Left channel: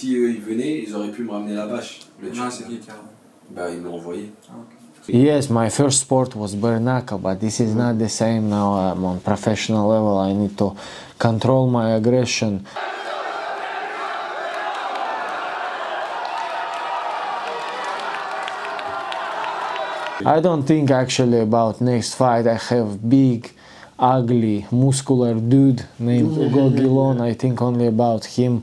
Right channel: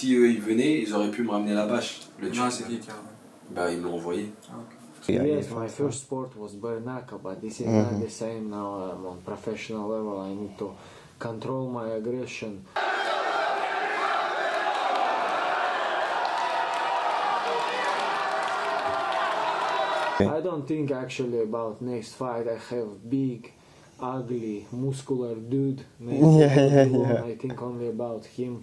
Si eux ils venaient, ils auraient pu me ramener la bâche. Non, c'est qui a... Bah, ils me l'ont envoyé. Ah, okay. Yes, my first sport was bare knuckle, but this is not the same now. I'm on professional level. I need to control my aggression. I don't think actually about next fight. I have big, ugly, muscular dude named Hugo Guillon. I think only about him.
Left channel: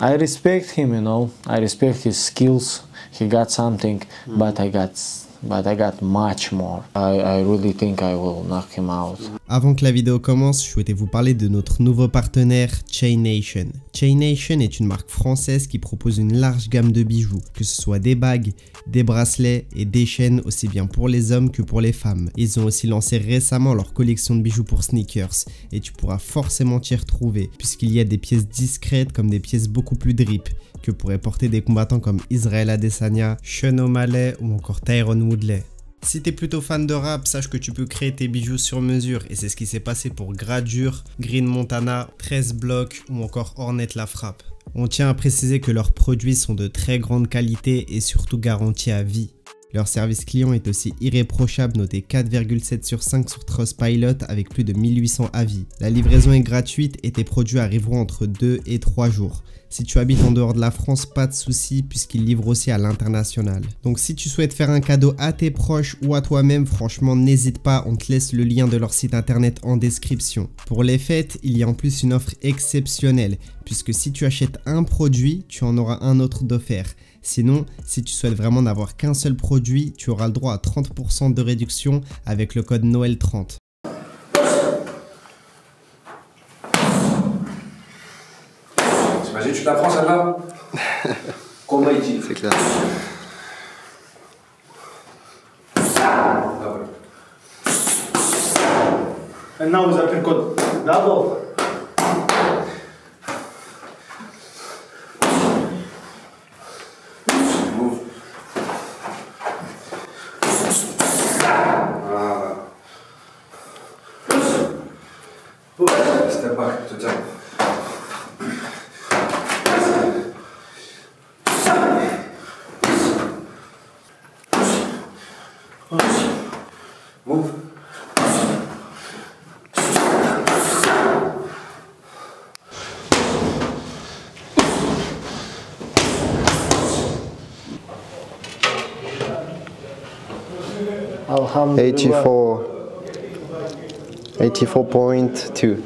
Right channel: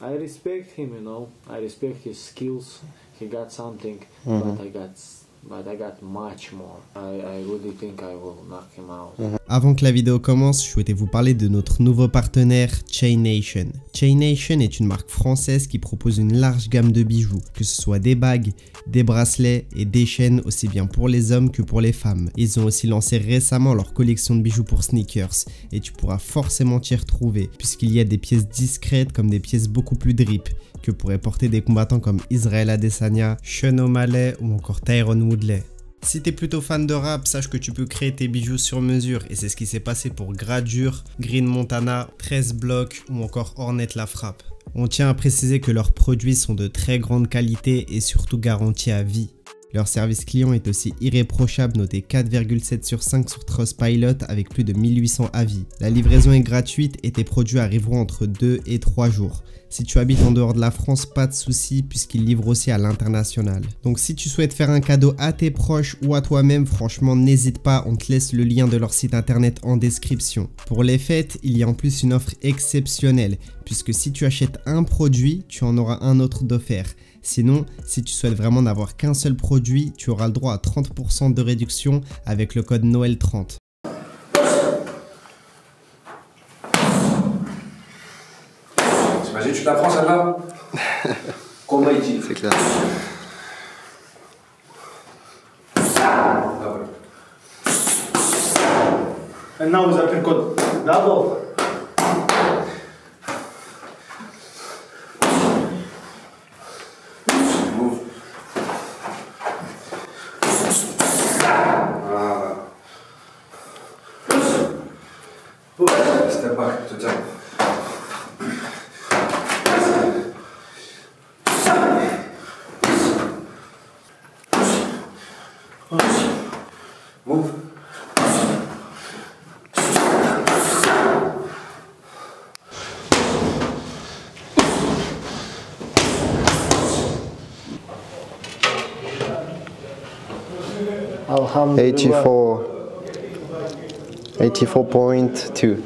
I respect him, you know. I respect his skills. He got something, but I got much more. I really think I will knock him out. Avant que la vidéo commence, je souhaitais vous parler de notre nouveau partenaire Chain Nation. Chain Nation est une marque française qui propose une large gamme de bijoux, que ce soit des bagues, des bracelets et des chaînes aussi bien pour les hommes que pour les femmes. Ils ont aussi lancé récemment leur collection de bijoux pour sneakers et tu pourras forcément t'y retrouver puisqu'il y a des pièces discrètes comme des pièces beaucoup plus drip que pourraient porter des combattants comme Israel Adesanya, Sean O'Malley ou encore Tyron Woodley. Si t'es plutôt fan de rap, sache que tu peux créer tes bijoux sur mesure et c'est ce qui s'est passé pour Gradure, Green Montana, 13 Block ou encore Hornet La Frappe. On tient à préciser que leurs produits sont de très grande qualité et surtout garantis à vie. Leur service client est aussi irréprochable, noté 4,7 sur 5 sur Trustpilot avec plus de 1800 avis. La livraison est gratuite et tes produits arriveront entre 2 et 3 jours. Si tu habites en dehors de la France, pas de souci puisqu'ils livrent aussi à l'international. Donc si tu souhaites faire un cadeau à tes proches ou à toi-même, franchement n'hésite pas, on te laisse le lien de leur site internet en description. Pour les fêtes, il y a en plus une offre exceptionnelle puisque si tu achètes un produit, tu en auras un autre d'offert. Sinon, si tu souhaites vraiment n'avoir qu'un seul produit, tu auras le droit à 30% de réduction avec le code Noël30. T'imagines, tu t'apprends celle-là? Combat ici. C'est clair. And now vous appelez le code double. Step back, je te tiens. Move. Alhamdulillah. 84.2.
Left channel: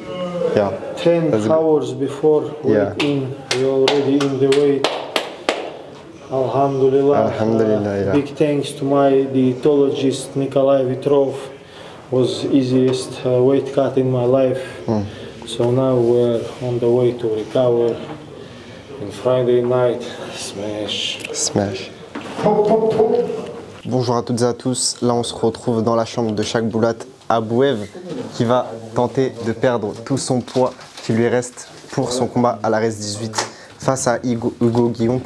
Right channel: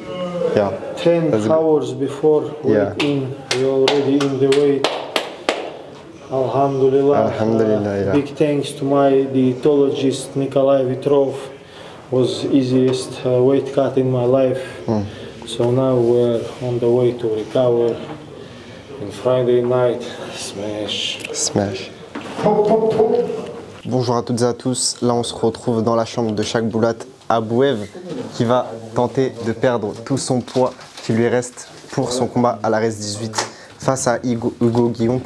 Yeah. 10 hours before weight in, we already in the weight. Alhamdulillah. Alhamdulillah, yeah. Big thanks to my dietologist Nikolai Vitrov. Was easiest weight cut in my life. So now we're on the way to recover. And Friday night, smash. Smash. Bonjour à toutes et à tous. Là, on se retrouve dans la chambre de Chakboulat Abouev qui va tenter de perdre tout son poids qui lui reste pour son combat à la RES 18 face à Hugo Guillon.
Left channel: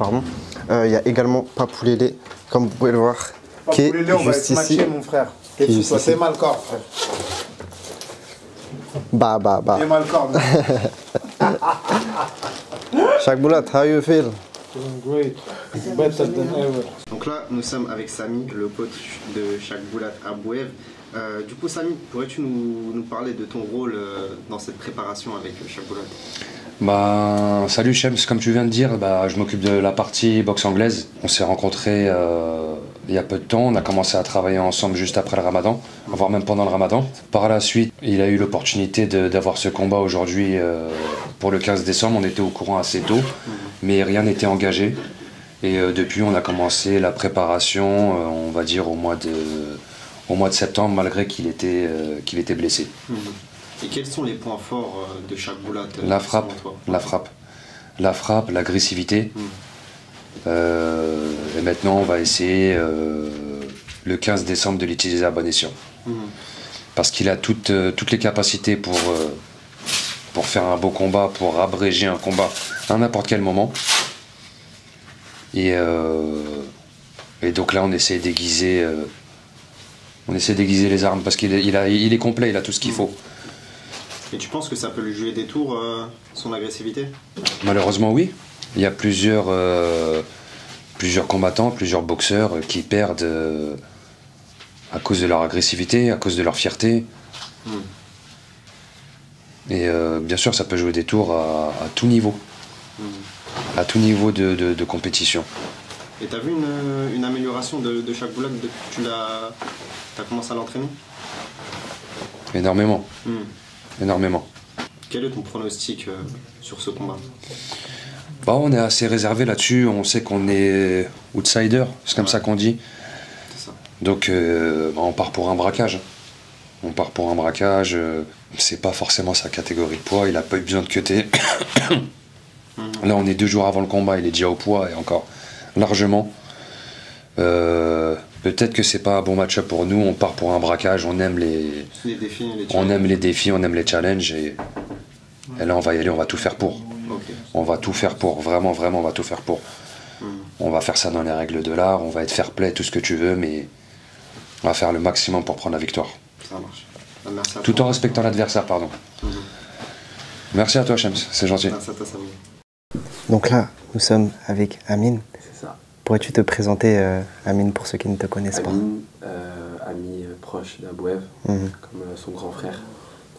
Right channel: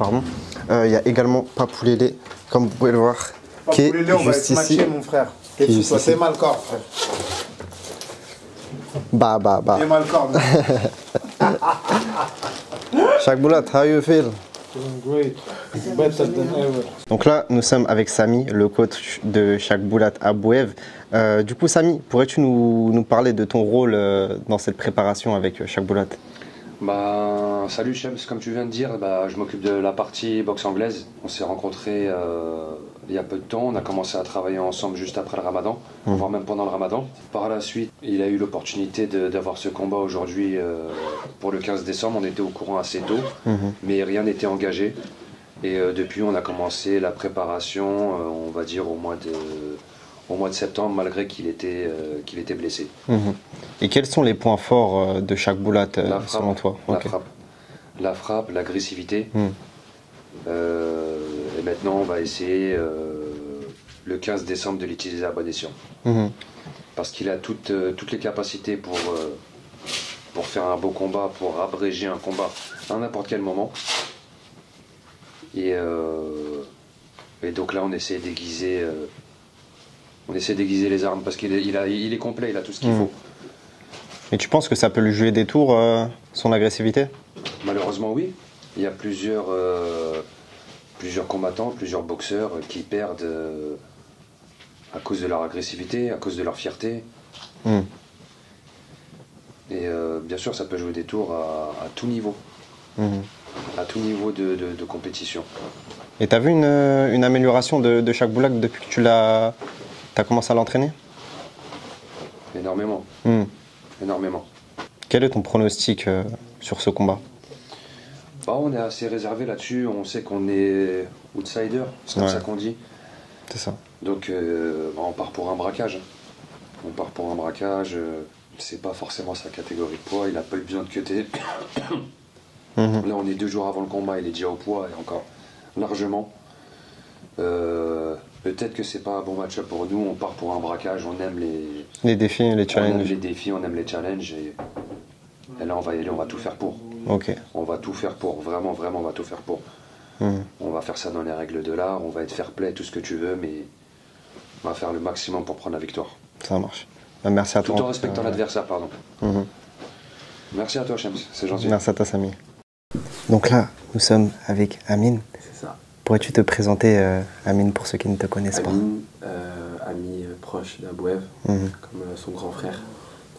Il y a également Papoulélé, comme vous pouvez le voir, qui est juste ici. Mon frère. C'est mal corps, frère. Bah. C'est mal corps. Chakboulat, how you feel? Feeling great. Better than ever. Donc là, nous sommes avec Samy, le coach de Chakboulat Abouev. Du coup, Samy, pourrais-tu nous parler de ton rôle dans cette préparation avec Chakboulat? Bah, salut Shems, comme tu viens de dire, je m'occupe de la partie boxe anglaise. On s'est rencontrés il y a peu de temps, on a commencé à travailler ensemble juste après le ramadan, voire même pendant le ramadan. Par la suite, il a eu l'opportunité d'avoir ce combat aujourd'hui pour le 15 décembre, on était au courant assez tôt, mais rien n'était engagé. Et depuis, on a commencé la préparation, on va dire au mois de septembre, malgré qu'il était blessé. Et quels sont les points forts de Chakboulat selon toi? La frappe, l'agressivité. Et maintenant, on va essayer le 15 décembre de l'utiliser à bon escient. Parce qu'il a toutes les capacités pour faire un beau combat, pour abréger un combat à n'importe quel moment. Et donc là, on essaie d'aiguiser les armes parce qu'il est complet, il a tout ce qu'il faut. Et tu penses que ça peut lui jouer des tours, son agressivité? Malheureusement, oui. Il y a plusieurs combattants, plusieurs boxeurs qui perdent à cause de leur agressivité, à cause de leur fierté. Et bien sûr, ça peut jouer des tours à tout niveau. À tout niveau de compétition. Et tu as vu une amélioration de Shaq Boulak depuis que tu as commencé à l'entraîner? Énormément. Énormément. Quel est ton pronostic sur ce combat? Bah, on est assez réservé là-dessus. On sait qu'on est outsider, c'est comme ça qu'on dit. C'est ça. Donc bah, on part pour un braquage. On part pour un braquage. C'est pas forcément sa catégorie de poids. Il a pas eu besoin de cutter. Là, on est 2 jours avant le combat. Il est déjà au poids et encore largement. Peut-être que c'est pas un bon match-up pour nous. On part pour un braquage. On aime les défis, les challenges. On aime les défis, on aime les challenges. Et là, on va y aller. On va tout faire pour. Okay. On va tout faire pour. Vraiment, vraiment, on va tout faire pour. On va faire ça dans les règles de l'art. On va être fair play, tout ce que tu veux, mais on va faire le maximum pour prendre la victoire. Ça marche. Merci à toi. Tout en respectant l'adversaire, pardon. Merci à toi, Shams, c'est gentil. Merci à toi, Samy. Donc là, nous sommes avec Amine. C'est ça. Pourrais-tu te présenter, Amine, pour ceux qui ne te connaissent Amine, ami proche d'Abouev, comme son grand frère.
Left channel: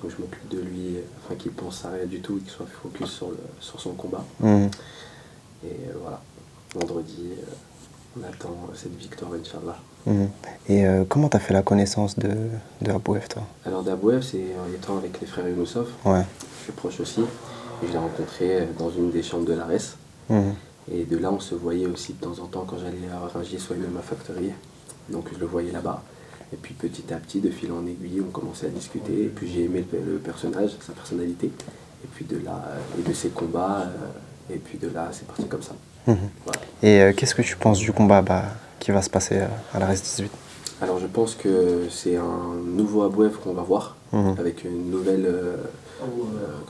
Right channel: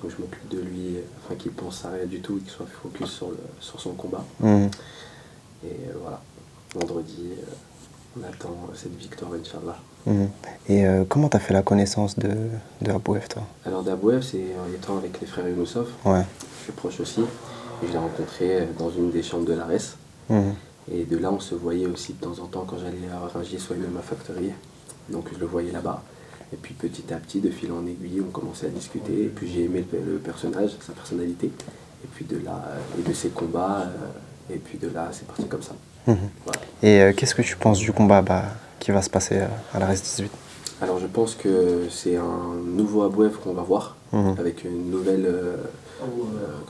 Donc je m'occupe de lui, afin qu'il pense à rien du tout et qu'il soit focus sur son combat. Et voilà, vendredi, on attend cette victoire, Inch'Allah. Et comment tu as fait la connaissance de Abouev, toi? Alors d'Abouev, c'est en étant avec les frères Younousov. Ouais. Je suis proche aussi. Et je l'ai rencontré dans une des chambres de l'ARES. Et de là, on se voyait aussi de temps en temps quand j'allais à Rungis, soit même à Factory. Donc je le voyais là-bas. Et puis petit à petit, de fil en aiguille, on commençait à discuter. Et puis j'ai aimé le personnage, sa personnalité. Et puis de là, et de ses combats. Et puis de là, c'est parti comme ça. Voilà. Et qu'est-ce que tu penses du combat qui va se passer à l'ARES 18? Alors je pense que c'est un nouveau Abouev qu'on va voir, avec une nouvelle,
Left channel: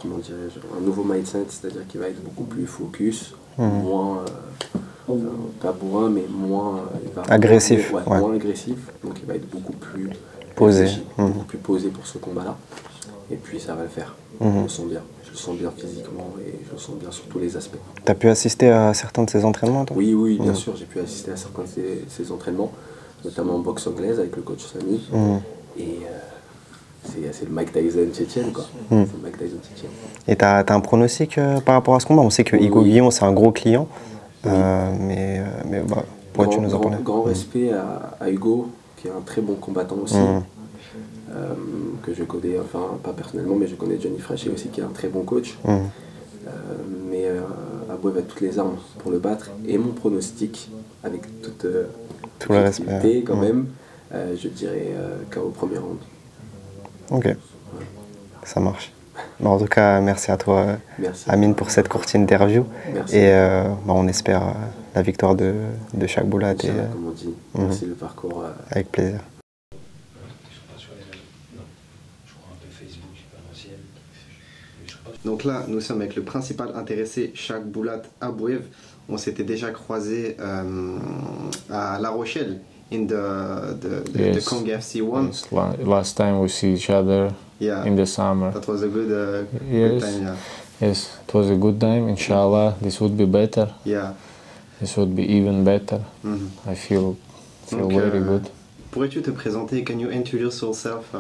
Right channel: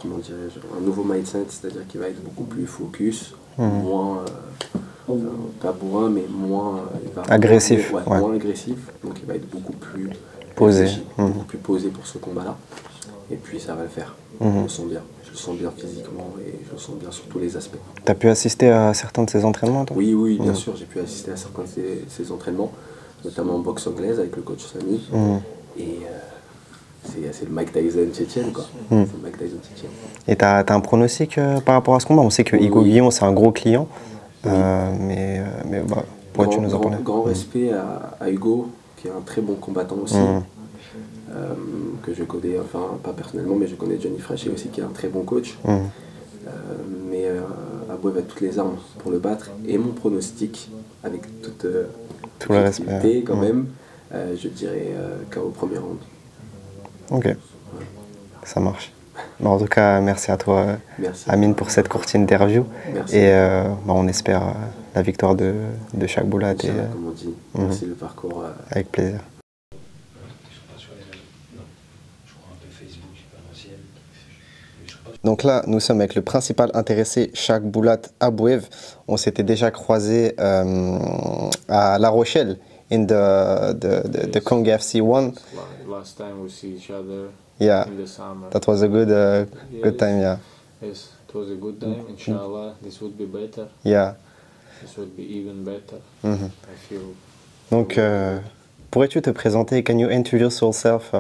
comment dirais-je, un nouveau mindset, c'est-à-dire qu'il va être beaucoup plus focus, moins, pas bourrin, mais moins agressif. Moins agressif, donc il va être beaucoup plus posé, beaucoup plus posé pour ce combat-là. Et puis ça va le faire, je le sens bien. Je le sens bien physiquement et je le sens bien sur tous les aspects. Tu as pu assister à certains de ses entraînements, toi? Oui, bien sûr, j'ai pu assister à certains de ses entraînements, notamment en boxe anglaise avec le coach Samy. Et c'est le Mike Tyson tchétchène, quoi. C'est le Mike Tyson tchétchène. Et tu as un pronostic par rapport à ce combat? On sait que Igo Guillon, c'est un gros client, mais pourrais-tu nous en parler? Grand respect à Hugo, qui est un très bon combattant aussi. Que je connais, enfin pas personnellement, mais je connais Johnny Frachet aussi, qui est un très bon coach. Mais Abouev a toutes les armes pour le battre. Et mon pronostic, avec tout le respect quand même, je dirais KO au premier round. Ok, ça marche. En tout cas, merci à toi, Amine, pour cette courte interview. Merci. Et on espère la victoire de Shaq Boulak. Comme on dit, merci le parcours. Avec plaisir. Donc là, nous sommes avec le principal intéressé, Shaq Boulak Abouev. On s'était déjà croisé à La Rochelle, in the Kong FC 1. Last time we see each other in the summer. That was a good time, yeah. Yes, it was a good time. Inshallah, this would be better. Yeah. This would be even better. I feel Donc, very good. Pourrais-tu te présenter? Can you introduce yourself?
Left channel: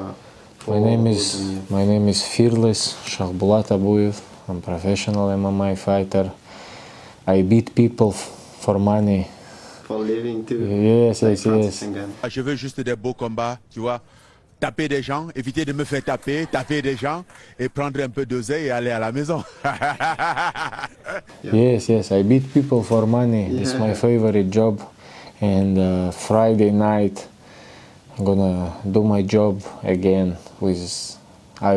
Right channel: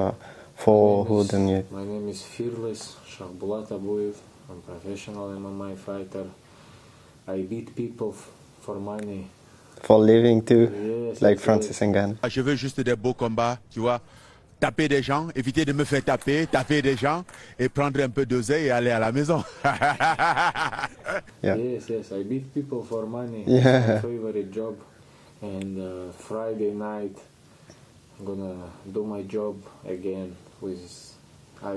My name is Fearless Shaq Boulak Abouev. I'm a professional MMA fighter. I beat people for money. For living too. Yes, like Francis Ngannou. Je veux juste des beaux combats, tu vois. Taper des gens, éviter de me faire taper des gens et prendre un peu d'oseille et aller à la maison. Yes, I beat people for money. It's my favorite job. And Friday night, I'm gonna do my job again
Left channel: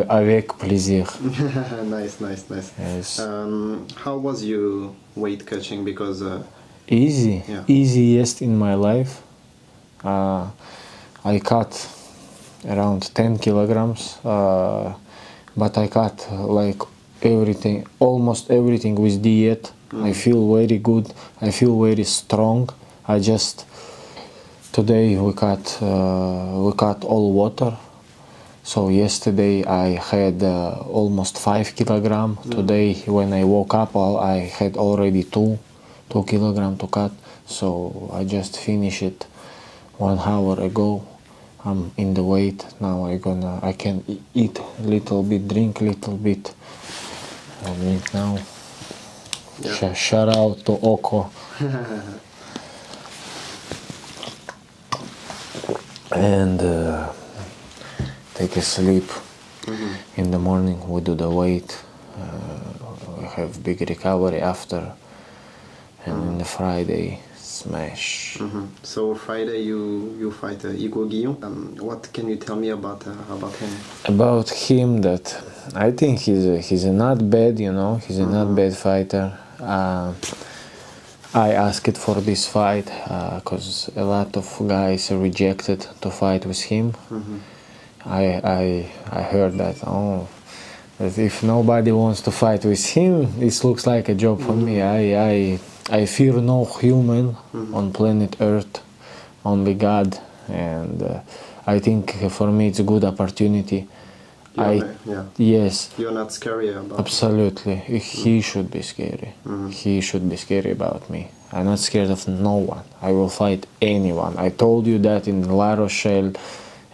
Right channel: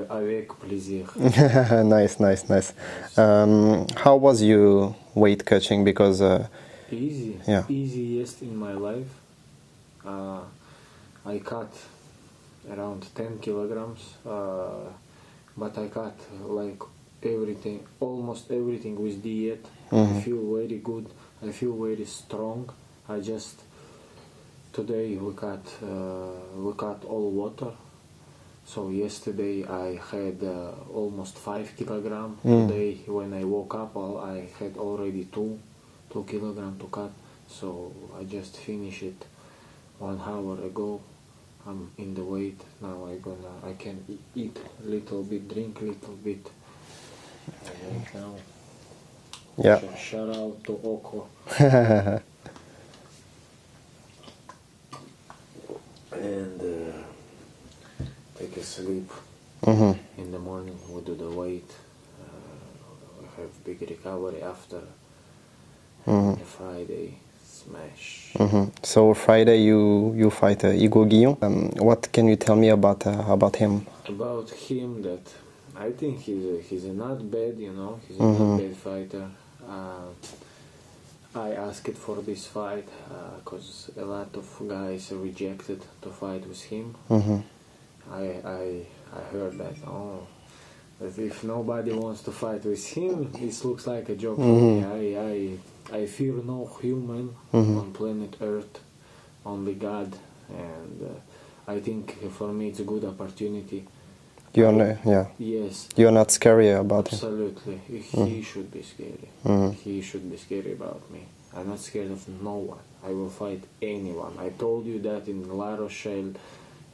avec plaisir. Nice. Yes. How was your weight cutting? Because easiest in my life. I cut around 10 kilograms, but I cut like everything, almost everything with diet. I feel very good. I feel very strong. Today we cut all water, So yesterday I had almost 5 kilograms. Today when I woke up I had already 2 kilograms to cut. So I just finished it 1 hour ago. I'm in the weight now. I can eat a little bit, drink a little bit. I drink now. Yeah. Shout out to Oko. And take a sleep. In the morning we do the weight. We have big recovery after. And on the Friday, smash. So Friday you fight Igor Guillon. What can you tell me about him? About him, that I think he's not bad, you know. He's a not bad fighter. I asked for this fight because a lot of guys rejected to fight with him. I heard that, that if nobody wants to fight with him, this looks like a job for me. I fear no human on planet Earth, only God, and I think for me it's a good opportunity. Yes. You're not scary about Absolutely. He should be scary. He should be scary about me. I'm not scared of no one. I will fight anyone. I told you that in La Rochelle,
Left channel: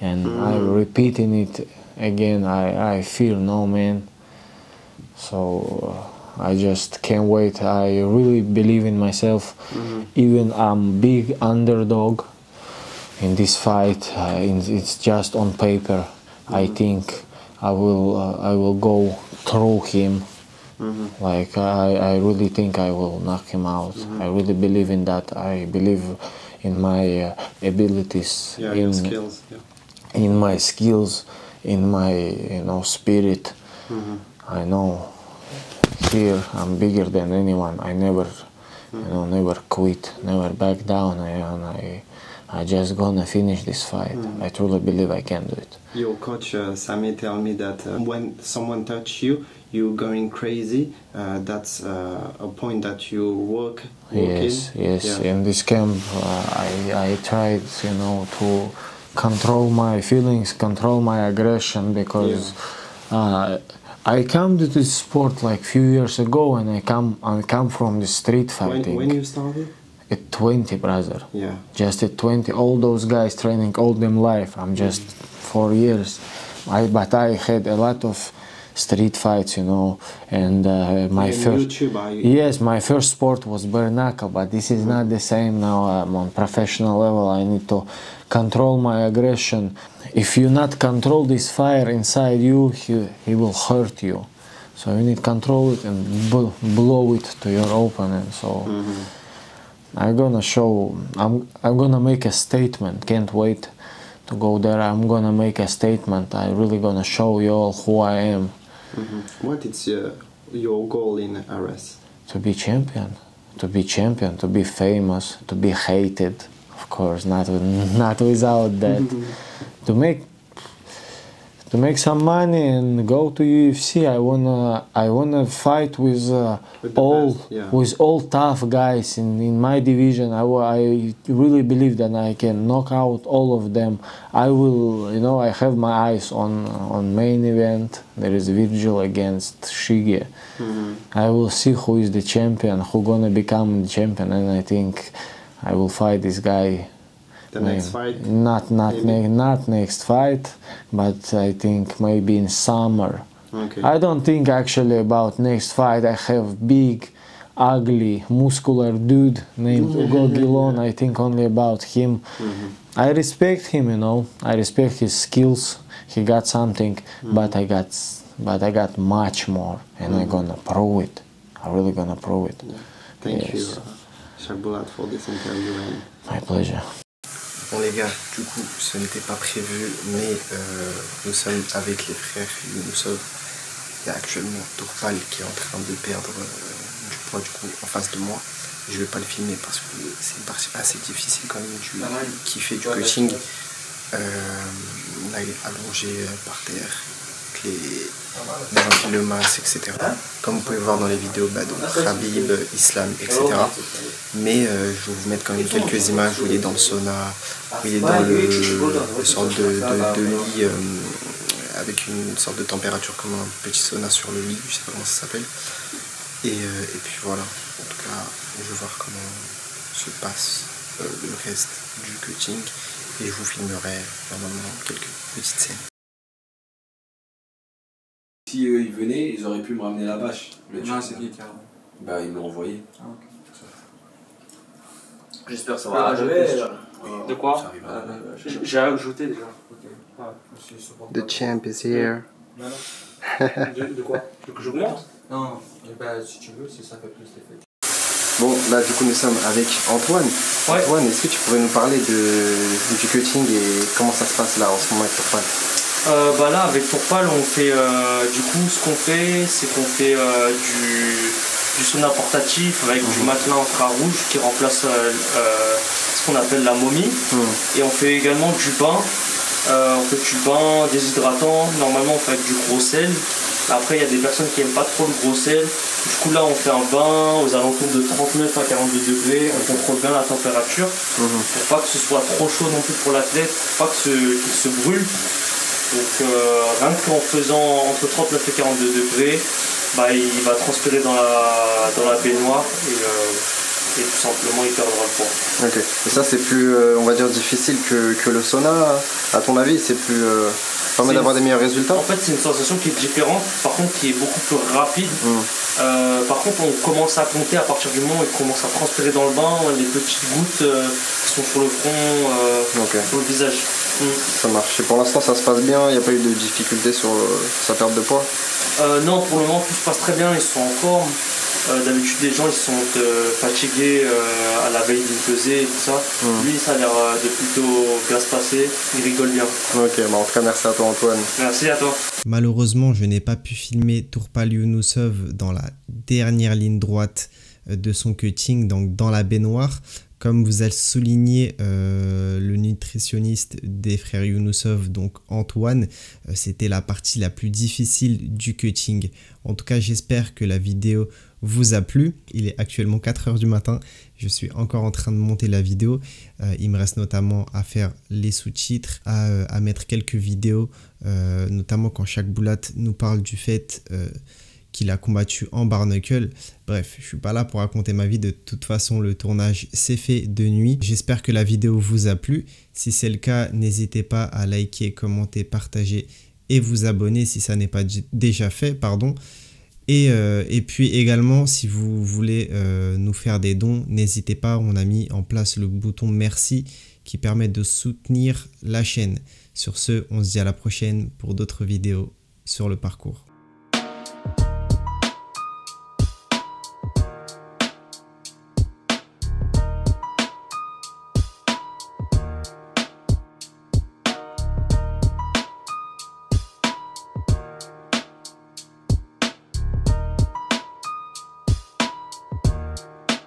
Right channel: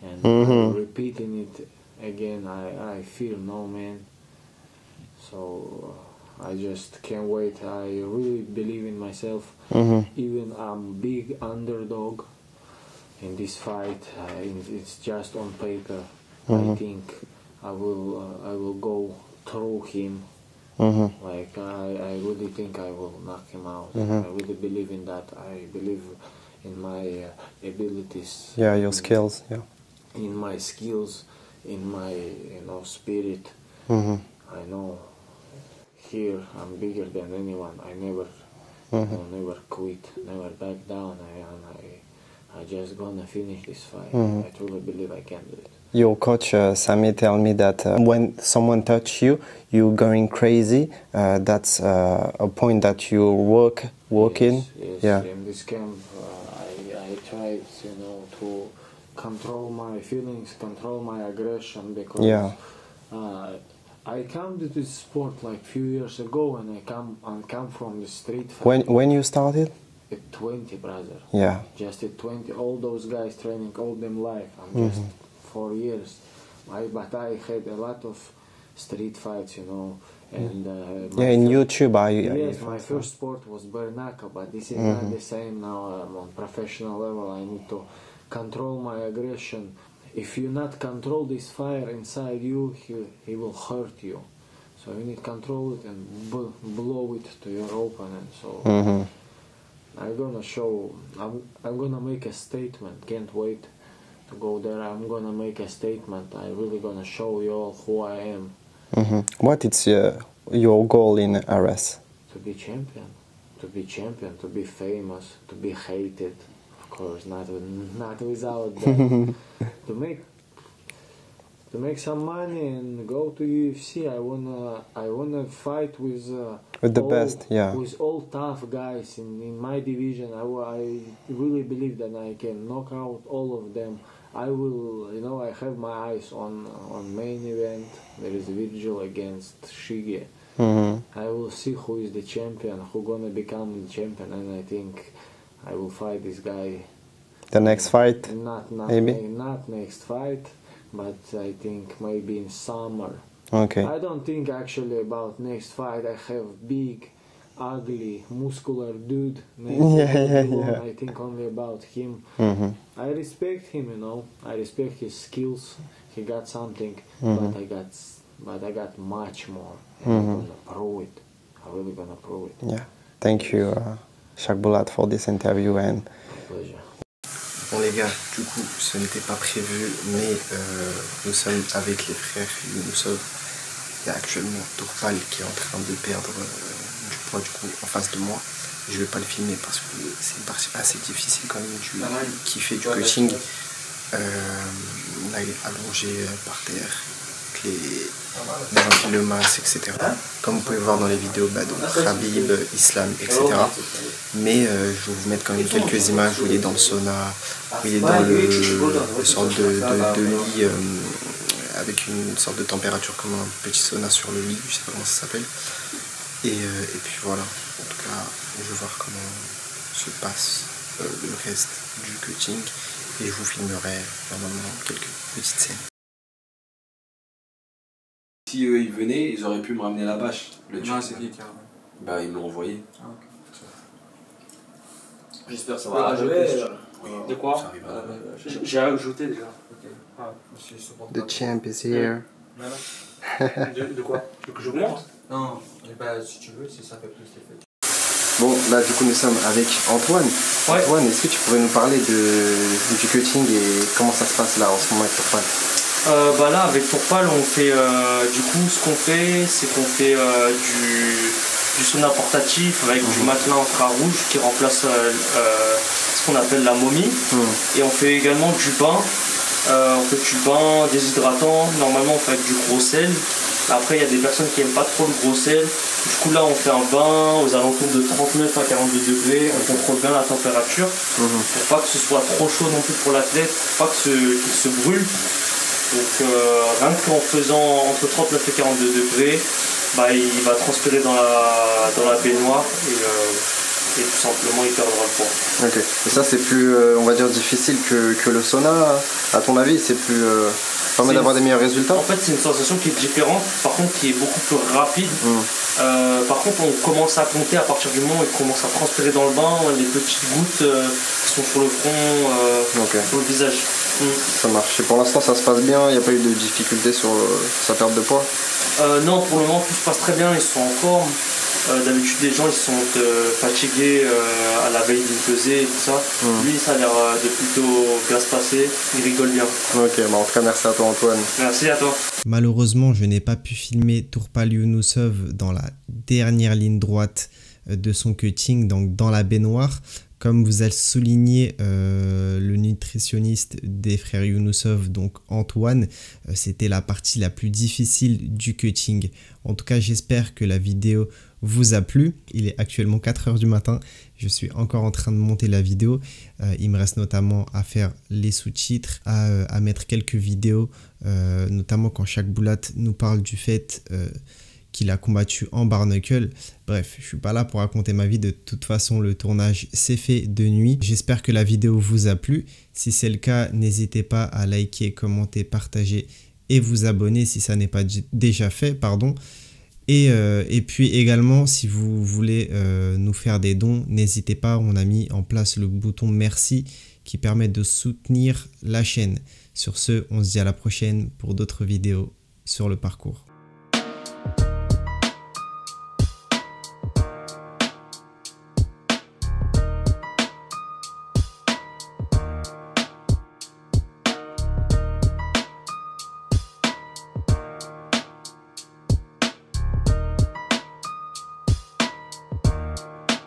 and I'm repeating it again. I fear no man. So I just can't wait. I really believe in myself. Even I'm big underdog in this fight. It's just on paper. I think I will go through him. Like I really think I will knock him out. I really believe in that. I believe in my abilities. Yeah, your skills. Yeah. In my skills, in my spirit. I know here I'm bigger than anyone. I never, never quit, never back down. I just gonna finish this fight. I truly believe I can do it. Your coach Sami tell me that when someone touch you, you're going crazy. That's a point that you work Yes. in. In this camp, I tried, to control my feelings, control my aggression, because I come to this sport like few years ago, and I come from the street fighting. When you started? At 20, brother. Yeah. Just at 20. All those guys training all them life. I'm just 4 years. But I had a lot of street fights, and my first YouTube. Yes, my first sport was bare knuckle, but this is not the same now. I'm on professional level. I need to control my aggression. If you not control this fire inside you, he will hurt you. So you need to control it and blow it to your opponent. So I'm gonna show. I'm gonna make a statement. Can't wait to go there. I'm gonna make a statement. I'm really gonna show you all who I am. What is your goal in RS? To be champion. To be champion. To be famous. To be hated. Of course, not without that. To make some money and go to UFC. I wanna fight with all tough guys in my division. I really believe that I can knock out all of them. I will, I have my eyes on main event. There is Virgil against Shige. I will see who is the champion, who gonna become the champion, and I think I will fight this guy. The next fight? Not next fight, but I think maybe in summer. Okay. I don't think actually about next fight. I have big, ugly, muscular dude named Igor Guillon. I think only about him. I respect him, I respect his skills. He got something, but I got much more, and I'm gonna prove it. I'm really gonna prove it. Yeah. Thank you, Chakbulat, for this interview. And my pleasure. Bon les gars, du coup, ce n'était pas prévu, mais nous sommes avec les frères Younousov. Il y a actuellement Tourpal qui est en train de perdre du poids en face de moi. Je ne vais pas le filmer parce que c'est une partie assez difficile quand même qui fait du coaching. Là, il est allongé par terre, avec le masque, etc. Comme vous pouvez voir dans les vidéos, donc Khabib, Islam, etc. Mais je vais vous mettre quand même quelques images où il est dans le sauna, où il est dans le sorte de lit avec une sorte de température comme un petit sauna sur le lit, je sais pas comment ça s'appelle. Et puis voilà, en tout cas, je vais voir comment se passe le reste du cutting et je vous filmerai normalement quelques petites scènes. Si eux ils venaient, ils auraient pu me ramener la bâche. Non, c'est qui qui a... Bah ils me l'ont envoyé. Ah, ok. J'espère que ça va va arriver. De quoi? Ça arrivera. J'ai ajouté déjà. The champ is here. De quoi? Que j'augmente? Non, si tu veux, si ça fait plus d'effet. Bon, là du coup nous sommes avec Antoine. Ouais. Antoine, est-ce que tu pourrais nous parler du cutting et comment ça se passe là en ce moment avec Tourpal? Bah là avec Tourpal on fait du coup ce qu'on fait c'est qu'on fait du sauna portatif avec du matelas infrarouge qui remplace ce qu'on appelle la momie et on fait également du bain. On fait du bain déshydratant, normalement on fait avec du gros sel. Après il y a des personnes qui n'aiment pas trop le gros sel. Du coup là on fait un bain aux alentours de 39 à 42 degrés, on contrôle bien la température pour pas que ce soit trop chaud non plus pour l'athlète, pour pas qu'il se brûle. Donc rien qu'en faisant entre 39 et 42 degrés, bah, il va transpirer dans la baignoire et tout simplement il perdra le poids. Ok, et ça c'est plus on va dire difficile que le sauna, à ton avis, c'est plus permet d'avoir des meilleurs résultats? En fait c'est une sensation qui est différente, par contre qui est beaucoup plus rapide. Par contre on commence à compter à partir du moment où il commence à transpirer dans le bain, les petites gouttes qui sont sur le front, sur le visage. Ça marche. Et pour l'instant ça se passe bien, il n'y a pas eu de difficultés sur sa perte de poids? Non, pour le moment tout se passe très bien, ils sont en forme. D'habitude les gens ils sont fatigués à la veille d'une pesée et tout ça. Lui ça a l'air de plutôt bien se passer, il rigole bien. Ok, bah en tout cas merci à toi Antoine. Merci à toi. Malheureusement je n'ai pas pu filmer Tourpal Younousov dans la dernière ligne droite de son cutting, donc dans la baignoire. Comme vous avez souligné le nutritionniste des frères Younousov, donc Antoine, c'était la partie la plus difficile du cutting. En tout cas, j'espère que la vidéo vous a plu. Il est actuellement 4 h du matin. Je suis encore en train de monter la vidéo. Il me reste notamment à faire les sous-titres, à mettre quelques vidéos, notamment quand Shaq Boulat nous parle du fait qu'il a combattu en bare knuckle. Bref, je suis pas là pour raconter ma vie. De toute façon, le tournage s'est fait de nuit. J'espère que la vidéo vous a plu. Si c'est le cas, n'hésitez pas à liker, commenter, partager et vous abonner si ça n'est pas déjà fait, pardon. Et puis également, si vous voulez nous faire des dons, n'hésitez pas. On a mis en place le bouton merci qui permet de soutenir la chaîne. Sur ce, on se dit à la prochaine pour d'autres vidéos sur le parcours.